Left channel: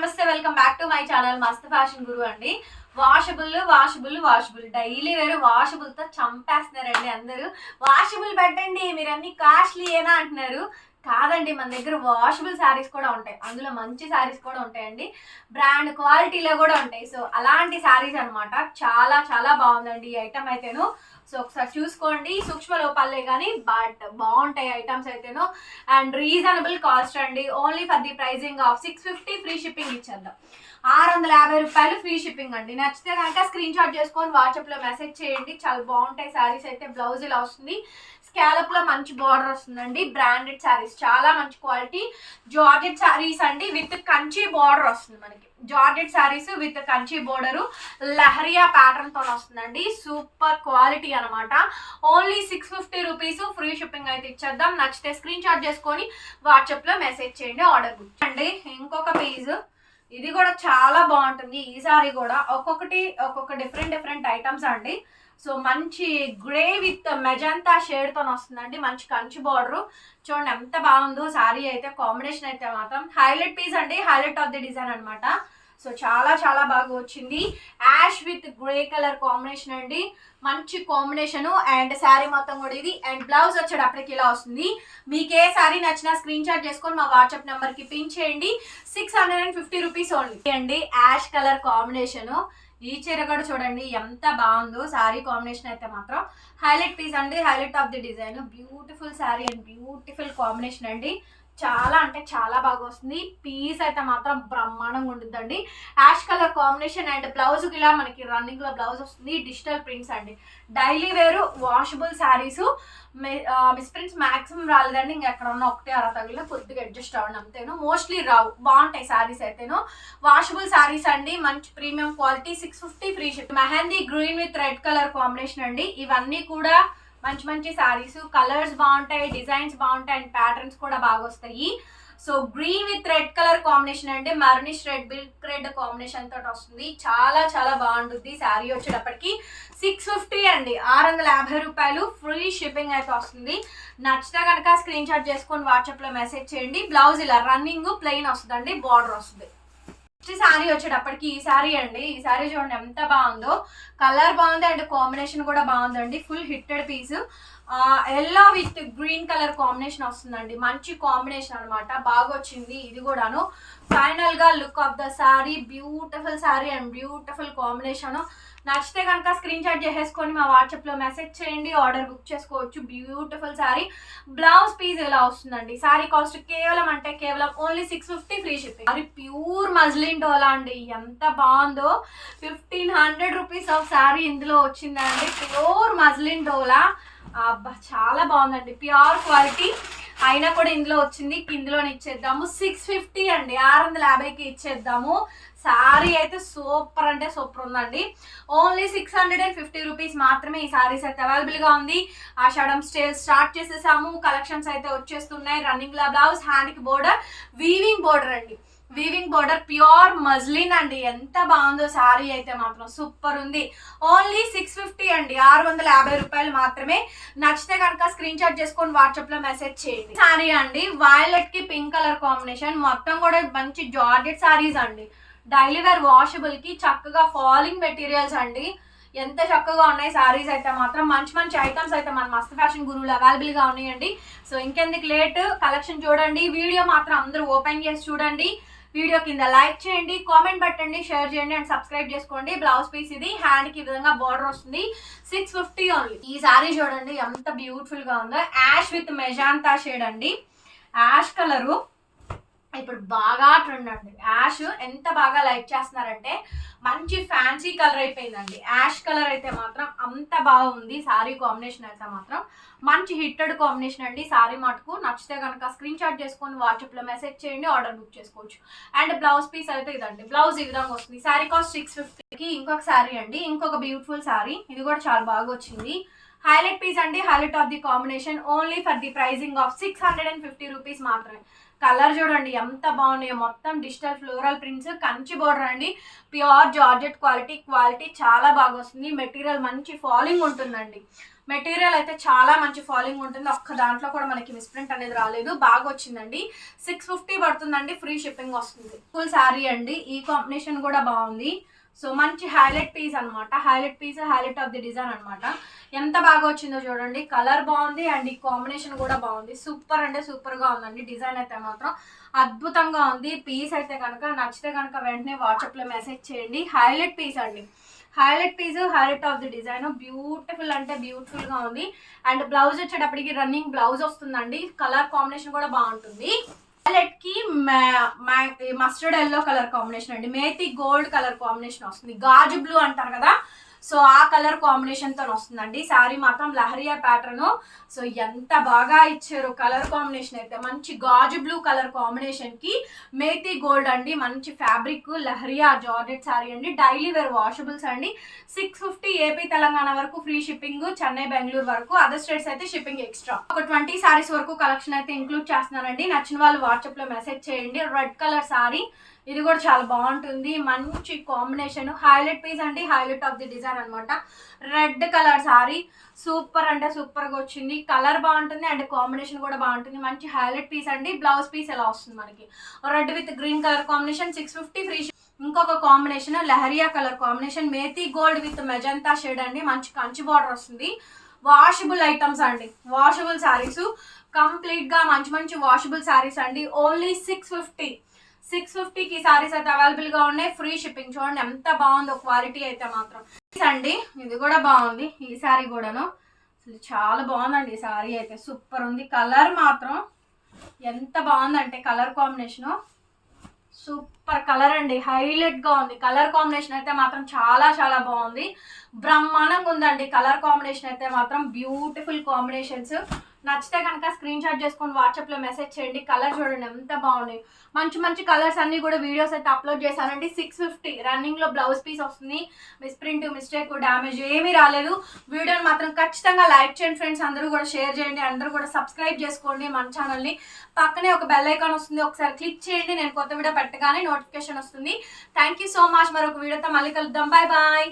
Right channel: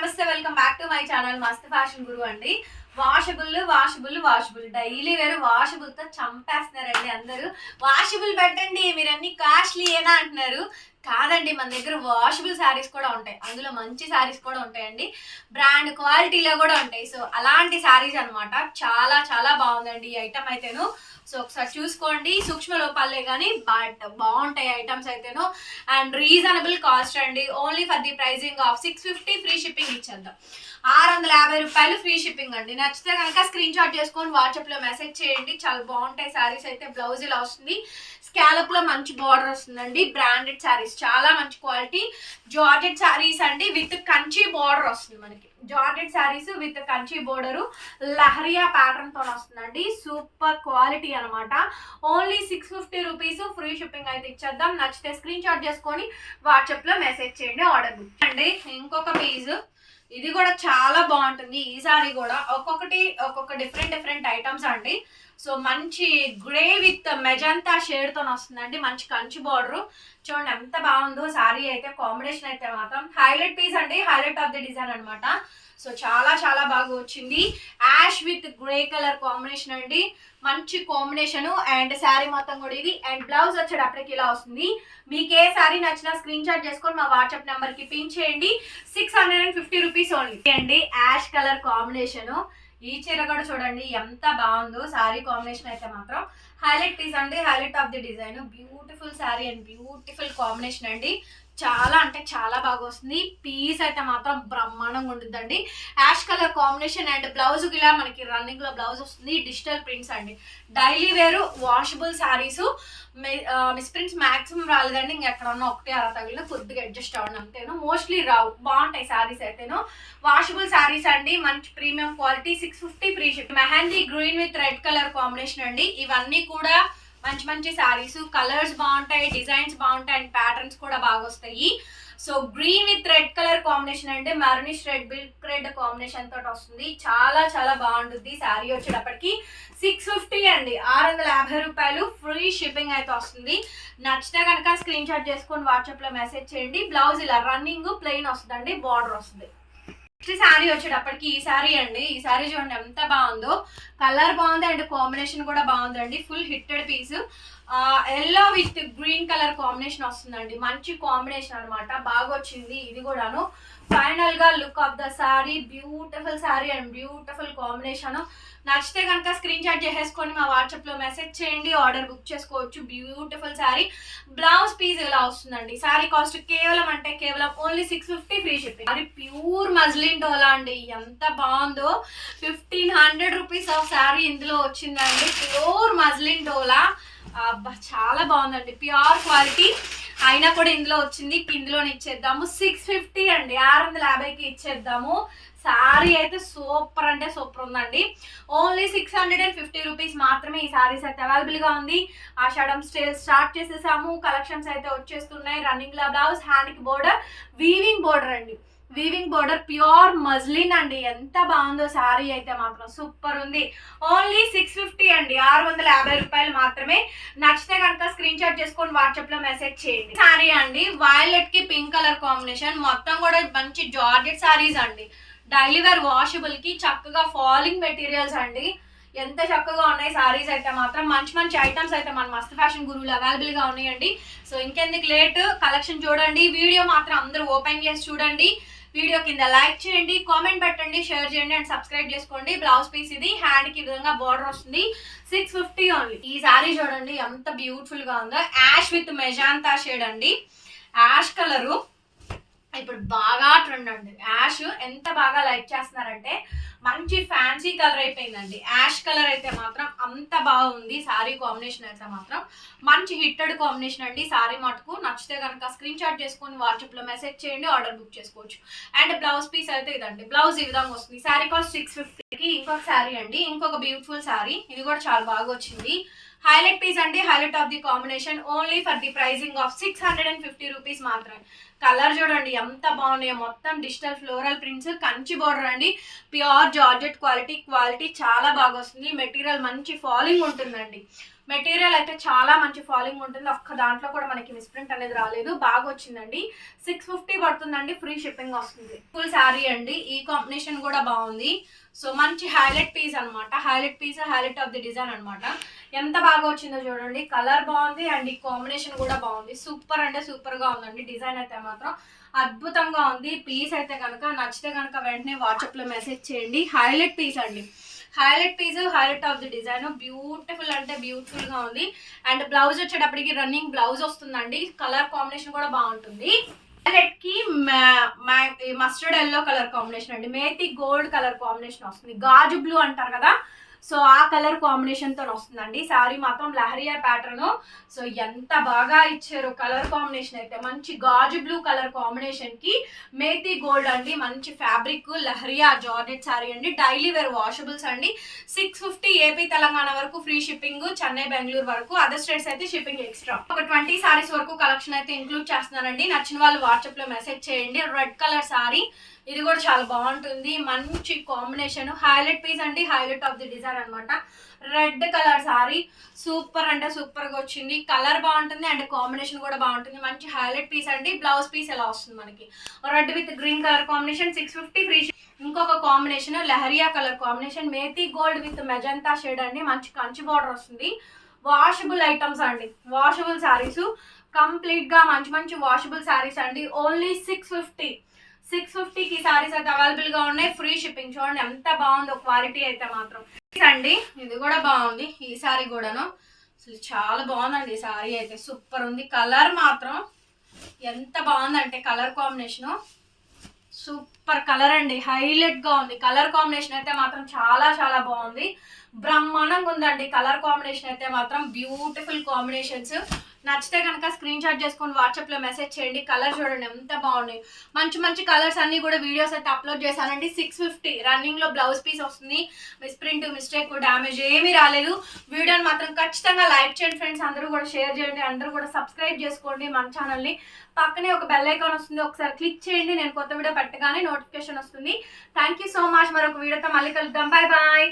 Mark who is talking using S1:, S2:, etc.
S1: నమస్తే welcome back to my channel మస్త్ fashion గురు అండి. వాషబుల్ వాషబుల్ వాషబుల్ డైలీ వేరు వాషబుల్తో చంపేస్తున్నారండి అందరూ. వాషబుల్ పెట్టండి మీరు అన్ని కాస్ట్లీ ఏనా అంటున్నారు. కాదండి మన దగ్గర వాషబుల్ శారీస్ కూడా ఉంటాయి. అందులో మంచి శారీస్ కూడా ఉంటాయండి. బ్రాండ్ క్వాలిటీలో కూడా ఉంటాయి. సో అలాంటి శారీస్ అన్నమాట. చాలా చాలా బాగుందండి ఈ ఐటమ్ అయితేను. సో ఒకసారి చూసుకోండి. సూక్ష్మ లోపాలే కానీ బట్ బాగుంటాయి ఐటమ్స్ అయితేను. అండ్ రీజనబుల్ కాస్ట్ అండి. Only for the pricing of six fifty free shipping ఇచ్చేద్దాం. ఆరు వందల యాభై రూపాయలు ఫ్రీ షిప్పింగ్ అండి. నచ్చితే కనుక స్క్రీన్ షాట్ చేసుకొని వాట్సాప్లో మెసేజ్ చేయండి. చాలా బాగుంటాయి శారీస్ అయితే. బ్లౌజ్ ఇలా వస్తుంది. స్కాలప్లో మంచి బార్డర్ వస్తుందండి. బ్రాండెడ్ శారీస్ చాలా మంచి క్వాలిటీ జార్జెట్ శారీస్ అండి విత్ కంచి బార్డర్ వస్తుంది మనకి. Georgette sarees with Kanchi border leheriya ప్యాటర్న్తో వస్తుందండి. సూపర్ క్వాలిటీ అనమాట only six fifty rupees free shipping అయితే ఇచ్చేద్దాం. నచ్చితే స్క్రీన్ షాట్ చేసుకొని వాట్సాప్లో మెసేజ్ చేయండి ఆర్డర్ బుక్ అండి ఇంకొక పీస్ ఇది కూడా చాలా బాగుంటుంది. ఈ సారీ కూడా ఒక్కొక్కటి ఒక్కొక్క డిఫరెంట్ డిఫరెంట్ ఐటమ్స్ అండి. సో మంచి గ్రే విత్ మెజంతా షేడ్తో వస్తుందండి. మంచి కంచి బార్డర్ చూడండి ఎంత బాగుందో సారీ అయితే కాంబినేషన్ అయితే మాత్రం. హైలైట్ పీస్ అండి. హైలైట్ ఆఫ్ ది డిజైన్ అనమాట సో చాలా చాలా బాగా వచ్చింది. Ash with grey colour combination అండి. మంచి కాంబినేషన్ అండ్ శారీ మొత్తం కూడా ఇది. అండ్ బ్లౌజ్ వచ్చేటప్పటికి ఇలా వస్తుంది. మీకు ఏ శారీ నచ్చినా స్క్రీన్ షాట్ చేసుకొని మా వాట్సాప్ నెంబర్కి పిన్ చేయండి. Six hundred and fifty rupees only అండి. యాష్ కలర్ కాంబినేషన్ ఈ చీర కూడా చూడండి ఎంత బాగుందో. శారీ కాంబినేషన్ అయితే మాత్రం హైలైట్ పీస్ అండి. Highlight of the design beautiful saree and beautiful combination అండి. చాలా అంటే చాలా బాగా వస్తుంది. పీస్ అయితే మాత్రం బ్రహ్మాండంగా ఉంటుందండి ash colour combination and blouse ఇలా మనకి రన్నింగ్లో బ్లౌజ్ వస్తుంది. డిజిటల్ ప్రింట్స్ అండి. డైలీ వేరు washable sarees miss prints maximum రాలేదండి. ఇంకెక్కడ ఉన్న ఒకటే అలా తగిలిన కొద్దిగా అడ్జస్ట్ అవ్వండి అంతేను. మోస్ట్లీ రావు బాగుంటాయి శారీస్ అయితేను. వాషబుల్ శారీస్ అండి. మంచి premium quality six fifty free ship mehndi green with red colour combination అండి. ఇవన్నీ కూడా మంచి మంచి శారీస్ కలర్స్ బాగుంటాయి డిజైన్స్ బాగుంటాయి అండ్ ప్యాటర్న్స్ కూడా బాగా వస్తాయి. So green with red colour combination అంటే మర్నిష్ రెడ్ బిల్క్ రెడ్ కాంబినేషన్ తోటి వస్తుంది. చాలా చాలా బాగుంటుంది శారీ వచ్చేటప్పటికి. సిక్స్ ఫిఫ్టీ అండి. ఆరు వందల యాభై రూపాయలు ఫ్రీ షిప్పింగ్ అయితే వస్తుంది. నచ్చితే కనుక స్క్రీన్ షాట్ చేసుకొని వాట్సాప్లో మెసేజ్ చేయండి. బ్లౌజ్ ఇలా రన్నింగ్ ప్లెయిన్ వస్తుందండి. బార్డర్ వస్తుంది. నెక్స్ట్ శారీ వచ్చేటప్పటికి ఈ శారీ అండి. ఈ శారీ చూడండి ఎంత బాగుందో. కలర్ బాగుంది అండ్ కాంబినేషన్ కూడా బాగుందండి. Full hitted piece. Yellow with green colour combination వస్తుందండి. మంచి కాంబినేషన్ అనమాట బాగా వచ్చింది ఇది కూడాను. ఫైనల్గా look of the saree beautiful saree and beautiful combination నచ్చితే కనుక స్క్రీన్ షాట్ చేసేసుకొని మా వాట్సాప్లో మెసేజ్ చేయండి ఆర్డర్ బుక్ చేసుకోవచ్చు. బ్యూటిఫుల్ శారీ బ్లౌజ్ పీస్ ఇలా వస్తుందండి? శారీ కాస్ట్ కేవలం అంటే కేవలం only six fifty free shipping అది ప్యూర్ మజ్లిన్ డోలా అండి. ఎంత బాగుందో. Fifteen hundred rupees of saree ఇందులో వచ్చిందండి. ప్యూర్ మజ్లిన్ డోలా అబ్బా చాలా బాగుందండి. ప్యూర్ క్వాలిటీ అయినా కూడా ఇందులో వచ్చింది ఇందులోనే ఇచ్చేద్దాము. సిక్స్ ఫిఫ్టీ అండి ఆరు వందల యాభైకి ఇచ్చేద్దాము. సారీ అయితే సూపర్ అంటే సూపర్ ఉందండి. Only six hundred and fifty rupees మాత్రమే ఈ సారీస్ అయితే అవైలబుల్గా ఉంది. ఆషాఢం స్టేల్ స్టార్ట్ చేసేసాము. కలెక్షన్స్ అయితే వచ్చేస్తున్నాయి. రన్నింగ్ లా బ్లౌజ్ హ్యాండ్కి బోర్డర్ వీవింగ్ బోర్డర్ అండి. వీవింగ్ బోర్డర్ ప్యూర్ మజ్లిన్ అండి. ఎంత బాగుందో శారీ అయితే మాత్రం సూపర్ ఉంది. ఓన్లీ సిక్స్ ఫిఫ్టీ అండి. ఆరు వందల యాభై రూపాయలు మాత్రమే. నచ్చితే కనుక స్క్రీన్ షాట్ చేసుకొని వాట్సాప్లో మెసేజ్ చేయండి. శారీ అండి. వైలెట్కి పింక్ కలర్ కాంబినేషన్ మొత్తం కూడా మంచి జార్జెట్ శారీస్ అండి. డైలీ వేర్ వాషబుల్కి చక్కగా ఫాలింగ్ మెటీరియల్స్ అండి. ఎంత చక్కగా ఉన్నాయి సారీస్ అయితే మాత్రం. మంచి మంచి ఐటమ్స్ అయితే మన మస్త్ ఫ్యాషన్ గురువులు అవైలబుల్గా ఉన్నాయండి. సో ఇంకెందుకు లేట్ కలెక్షన్ చూడండి. వీడియో మాత్రం అందరూ ఓపెన్ చేసి చూడండి. వీడియో కింద లైక్ చేయండి కామెంట్ పెట్టండి షేర్ చేయండి అండ్ సబ్స్క్రైబ్ చేసుకోండి. బ్లౌజ్ పీస్ ఇది హ్యాండ్కి విధంగా బార్డర్ వస్తుంది. సిక్స్ ఫిఫ్టీ ఓన్లీ ఈ సారీ చూడండి ఎంత బ్యూటిఫుల్గా ఉందో. యాష్ విత్ మెజాంతా షేడ్ అండి. యాష్ కలరు ఇప్పుడు బాగా ట్రెండ్ అండి. యాష్ ఎంత బాగా లైక్ చేస్తున్నారంటే మంచి ఫ్యాన్సీ కలర్ అయిపోయిందండి. యాష్ కలర్ అయితే మాత్రం అంత బాగుంది. సారీ కాంబినేషన్ అయితే మాత్రం మంచి హిట్టెడ్ కాంబినేషన్ అండి. సారీ మటుకు నచ్చితే కనుక స్క్రీన్ షాట్ చేసుకొని వాట్సాప్లో మెసేజ్ చేయండి ఆర్డర్ బుక్ చేసుకోవచ్చు. అండ్ బ్లౌజ్ పీస్ అయితే ఇదండి. బ్లౌజ్ ఈ విధంగా వస్తుంది. సారీ కాస్ట్ సిక్స్ ఫిఫ్టీకి ఇంకొక శారీ అండి. ఇంకొక బ్యూటిఫుల్ సారీ. ఇది కూడా చాలా బాగా వచ్చింది. హైలైట్ పీస్ అండి. Highlight of the combination. Only for the pricing of six hundred and fifty rupees మాత్రమే. కలర్ చూడండి ఎంత బాగున్నాయో. మొత్తం digital floral prints Kanchi border అండి. ప్యూర్ జార్జెట్ క్వాలిటీ క్వాలిటీ చాలా బాగా వస్తుంది. మెటీరియల్ మంచి ఫాలింగ్ ఉంటుందండి. మెటీరియల్ అయితే చాలా మంచి ఫాలింగ్ ఉంటుంది. ఒక్క దాంట్లో కూడా మనకి మిస్ప్రింట్ అనేది రాలేదు. బాగా వచ్చిందండి. సిక్స్ ఫిఫ్టీ పడుతుందండి. ఫ్రీ షిప్పింగ్ వస్తుంది. ఫుల్ శారీ అండి. ఈ కాంబినేషన్ కూడా బాగుంది. సో మంచి హైలైట్ పీస్ అన్నమాట. Highlight piece highlight of the design అనమాట ఎంత బాగా వచ్చిందో చూడండి. కలర్ బాగుంది అండ్ ఈ కాంబినేషన్ కూడా బాగుంది. సూపర్ అంటే సూపర్గా ఉందండి. డిజైన్ అయితే మాత్రం అద్భుతంగా ఉంది. పీస్ అయితే కనుక నచ్చితే కనుక వెంటనే వాట్సాప్లో మెసేజ్ చేయండి. హైలైట్ పీస్ అండి. Highlight piece highlight of the design beautiful అంటే బ్యూటిఫుల్గా ఉంది. అండ్ బ్లౌజ్ వచ్చేటప్పటికి రన్నింగ్ బ్లౌజ్ వస్తుందండి. కలర్ కాంబినేషన్ కూడా బాగుంటుంది. హైలైట్కి మస్టర్డ్ ఎల్లో కలర్ కాంబినేషన్ అండి. మేతి గోల్డ్ కలర్ కాంబినేషన్ వస్తుంది. గాజు బ్లూ అంటారు కదా సో ఆ కలర్ కాంబినేషన్తో వస్తుందండి. శారీ మాత్రం లహరియా ప్యాటర్న్ సో ఎంత బాగా ఇచ్చారు కలర్ కాంబినేషన్ అయితే. మంచి గాజు బ్లూ కలర్ కాంబినేషన్కి మేతి గోల్డ్ అండి. మంచి ఫ్యాబ్రిక్ లహరియా జార్జెట్ శారీ అండి. డైలీ వేర్ వాషబుల్స్ అండి. సిక్స్ ఫిఫ్టీ ఏపీ తెలంగాణ వరకు ఫ్రీ షిప్పింగ్ చెన్నై బెంగళూరు వరకు అదర్ స్టేట్స్ అయితే షిప్పింగ్ ఎక్స్ట్రా ఒక ట్వంటీ సారీస్ వరకు కలెక్షన్ అయితే ఇంక్లూడ్ చేస్తున్నానండి. నచ్చిన వాళ్ళు వాట్సాప్లో మెసేజ్ చేయండి. రెడ్ కలర్ సారీ ఇది కూడా చాలా బాగుంటుంది. మంచి కాంబినేషన్ హైలైట్ పీస్ అండి. హైలైట్ ఆఫ్ ది డిజైన్ అనమాట రెడ్ కలర్ సారీ సూపర్ అంటే సూపర్గా వచ్చింది. కలర్ బాగుంటుంది అండ్ కాంబినేషన్ కూడా బాగుంటుంది. మంచి హైలైట్ పీస్ అండి. బ్లౌజ్ పీస్ ఎలా వస్తుంది మనకి? Red with green colour combination six fifty free ఇంకొక combination leheriya colour combination methi gold with magenta shade అండి. మంచి కంచి బార్డర్ వస్తుంది. వాషబుల్ ఐటమ్స్ అండి. వాషబుల్ శారీస్ కంప్లీట్గా మంచి మంచి వాషబుల్ శారీస్ అండి. ఓన్లీ సిక్స్ ఫిఫ్టీ సిక్స్ ఫిఫ్టీకి సారీస్ అయితే అవైలబుల్గా ఉన్నాయి. ఫ్రీ షిప్పింగ్ చూడండి ఎంత బాగుందో క్వాలిటీ అయితే మాత్రం. అండి ఇది కూడా బాగుంది. ఈ సారీ కూడాను. అసలు చాలా బాగుందండి ఈ సారీ అయితే. సూపర్ ఉంది. కలర్ మాత్రం ఎంత బాగుందంటే కలర్ కాంబినేషన్ సూపర్ కలర్ అండి. హైలైట్గా ఉంది. కలర్ కాంబినేషన్ అయితే మాత్రం చాలా చాలా బాగుంది. బ్రహ్మాండంగా ఉందండి. కలర్ కాంబినేషన్ అయితే మాత్రం బ్యూటిఫుల్ కాంబినేషన్స్ నచ్చితే కనుక స్క్రీన్ షాట్ చేసుకొని వాట్సాప్లో మెసేజ్ చేయండి. కలర్ చూడండి ఎంత బాగున్నాయి. మంచి మంచి కలర్స్ అన్నీ కూడా వీడియోస్ అయితే అప్లోడ్ చేశానండి. సిక్స్ ఫిఫ్టీ రన్నింగ్లో బ్లౌజ్ పీస్ వస్తుంది. మిస్ప్రింట్ మిస్టేక్ డ్యామేజ్ ఏమీ రాలేదు. వీడియోని మాత్రం ఖచ్చితంగా లైక్ చేయండి ఫ్రెండ్స్ అందరూ కూడా షేర్ చేయండి. అందరూ కూడా సబ్స్క్రైబ్ చేసుకోండి మన ఛానల్ని పక్కనే ఒక బెల్ ఐకాన్ వస్తుంది. ఒకసారి క్లిక్ చేయండి. నేను కొత్త వీడియో పెట్టగానే నోటిఫికేషన్ వస్తుంది. థ్యాంక్ యూ సో మచ్ మరొక వీడియోతో మళ్ళీ కలుద్దాం. Bye bye